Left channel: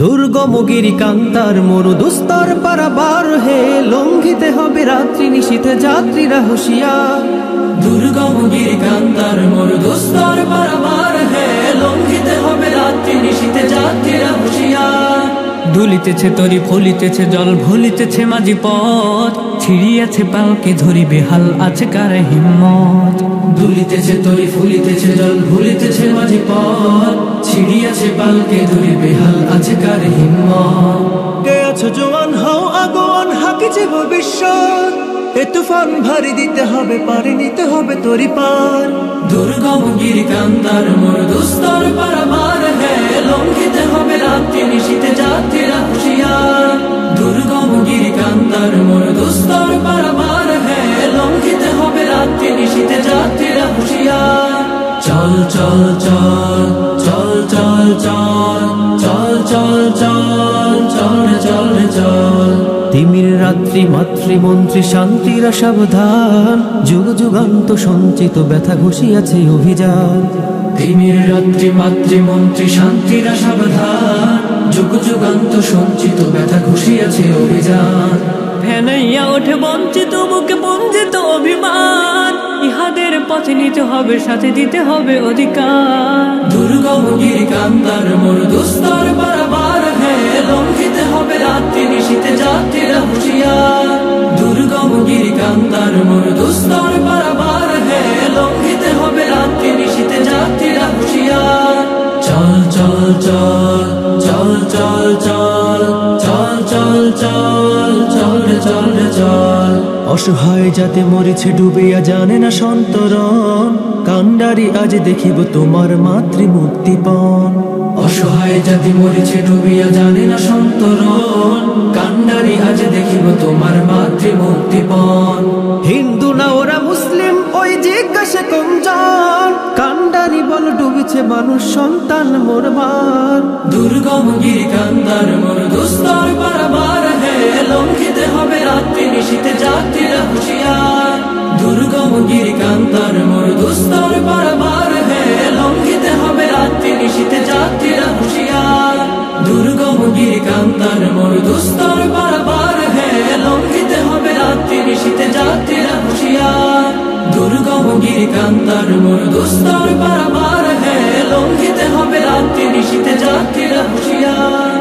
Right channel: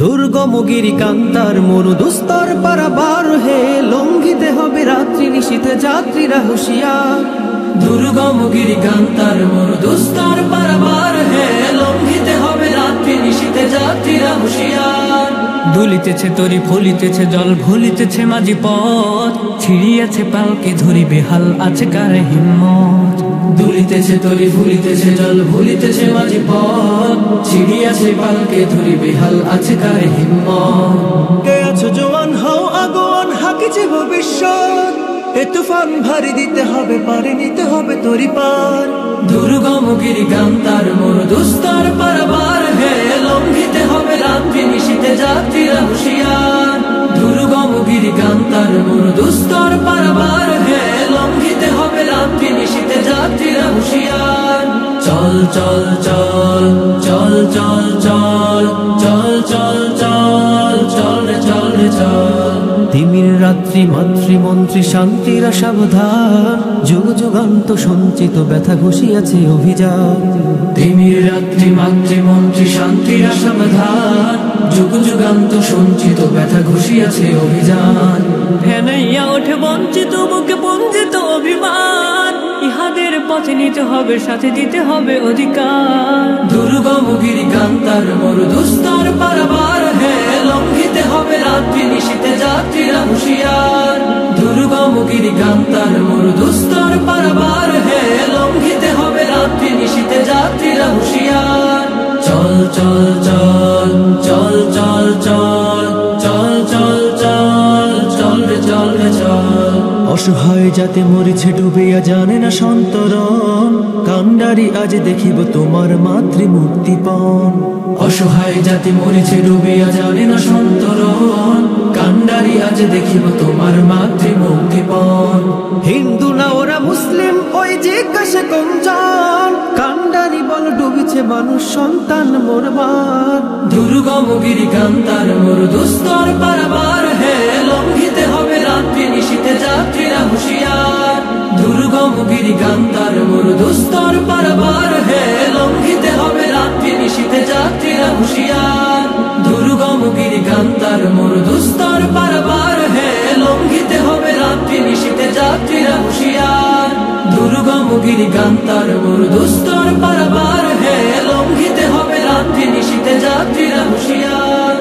দুর্গম গিরি কান্তার মরু দুস্তর পারাবার হে, লঙ্ঘিতে হবে রাত্রি নিশীথে যাত্রীরা হুঁশিয়ার। দুর্গম গিরি কান্তার মরু দুস্তর পারাবার হে, লঙ্ঘিতে হবে রাত্রি নিশীথে যাত্রীরা হুঁশিয়ার। দুলিতেছে তরি ফলিতেছে জল ভুলিতেছে মাঝি পথ, ছিড়িয়াছে পালকে ধরি বেহাল আছে কার হিম্মত। দুলিতেছে তরি ফুলিতেছে জল ভুলিতেছে মাঝি পথ, ছিড়িয়াছে পালকে ধরি বেহাল আছে কার হিম্মত। কে আছো জোয়ান হও আগোয়ান হাকিছে ভবিষ্যৎ, এ তুফান ভারী দিতে হবে পারে নিতে হবে তরি পার। দুর্গম গিরি কান্তার মরু দুস্তর পারাবার হে, লঙ্ঘিতে হবে রাত্রি নিশীথে যাত্রীরা হুঁশিয়ার। দুর্গম গিরি কান্তার মরু দুস্তর পারাবার হে, লঙ্ঘিতে হবে রাত্রি নিশীথে যাত্রীরা হুঁশিয়ার। চল চল চল চল চল চল চল চল চল চল রে চল রে চল। তিমির রাত্রি মাতৃমন্ত্রী শান্তিরা সাবধান, যুগ যুগান্ত সঞ্চিত ব্যথা ঘুষিয়াছে অভিযান। তিমির রাত্রি মাতৃমন্ত্রী শান্তিরা সাবধান, যুগ যুগান্ত সঞ্চিত ব্যথা ঘুষিয়াছে অভিযান। ফেনাইয়া ওঠে বঞ্চিত বুকে পঞ্জিত অভিমান, ইহাদের পথে নিতে হবে সাথে দিতে হবে অধিকার। দুর্গম গিরি কান্তার মরু দুস্তর পারাবার হে, লঙ্ঘিতে হবে রাত্রি নিশীথে যাত্রীরা হুঁশিয়ার। দুর্গম গিরি কান্তার মরু দুস্তর পারাবার হে, লঙ্ঘিতে হবে রাত্রি নিশীথে যাত্রীরা হুঁশিয়ার। চল চল চল চল চল চল চল চল চল চল রে চল রে চল। অসহায় যাতে মরিছে ডুবিয়া জানে না সন্তরণ, কান্ডারি আজ দেখিব তোমার মাতৃমূর্তিপণ। অসহায় জাতি মরিছে ডুবিয়া জানে না সন্তরণ, কান্ডারি আজ দেখিব তোমার মাতৃমূর্তিপণ। হিন্দু না ওরা মুসলিম ওই জিজ্ঞাসা কমজন, কান্ডারি বল ডুবিছে মানুষ সন্তান মোরবার। দুর্গম গিরি কান্তার মরু দুস্তর পারাবার হে, লঙ্ঘিতে হবে রাত্রি নিশীথে যাত্রীরা হুঁশিয়ার। দুর্গম গিরি কান্তার মরু দুস্তর পারাবার হে, লঙ্ঘিতে হবে রাত্রি নিশীথে যাত্রীরা হুঁশিয়ার। দুর্গম গিরি কান্তার মরু দুস্তর পারাবার হে, লঙ্ঘিতে হবে রাত্রি নিশীথে যাত্রীরা হুঁশিয়ার। দুর্গম গিরি কান্তার মরু দুস্তর পারাবার হে, লঙ্ঘিতে হবে রাত্রি নিশীথে যাত্রীরা হুঁশিয়ার।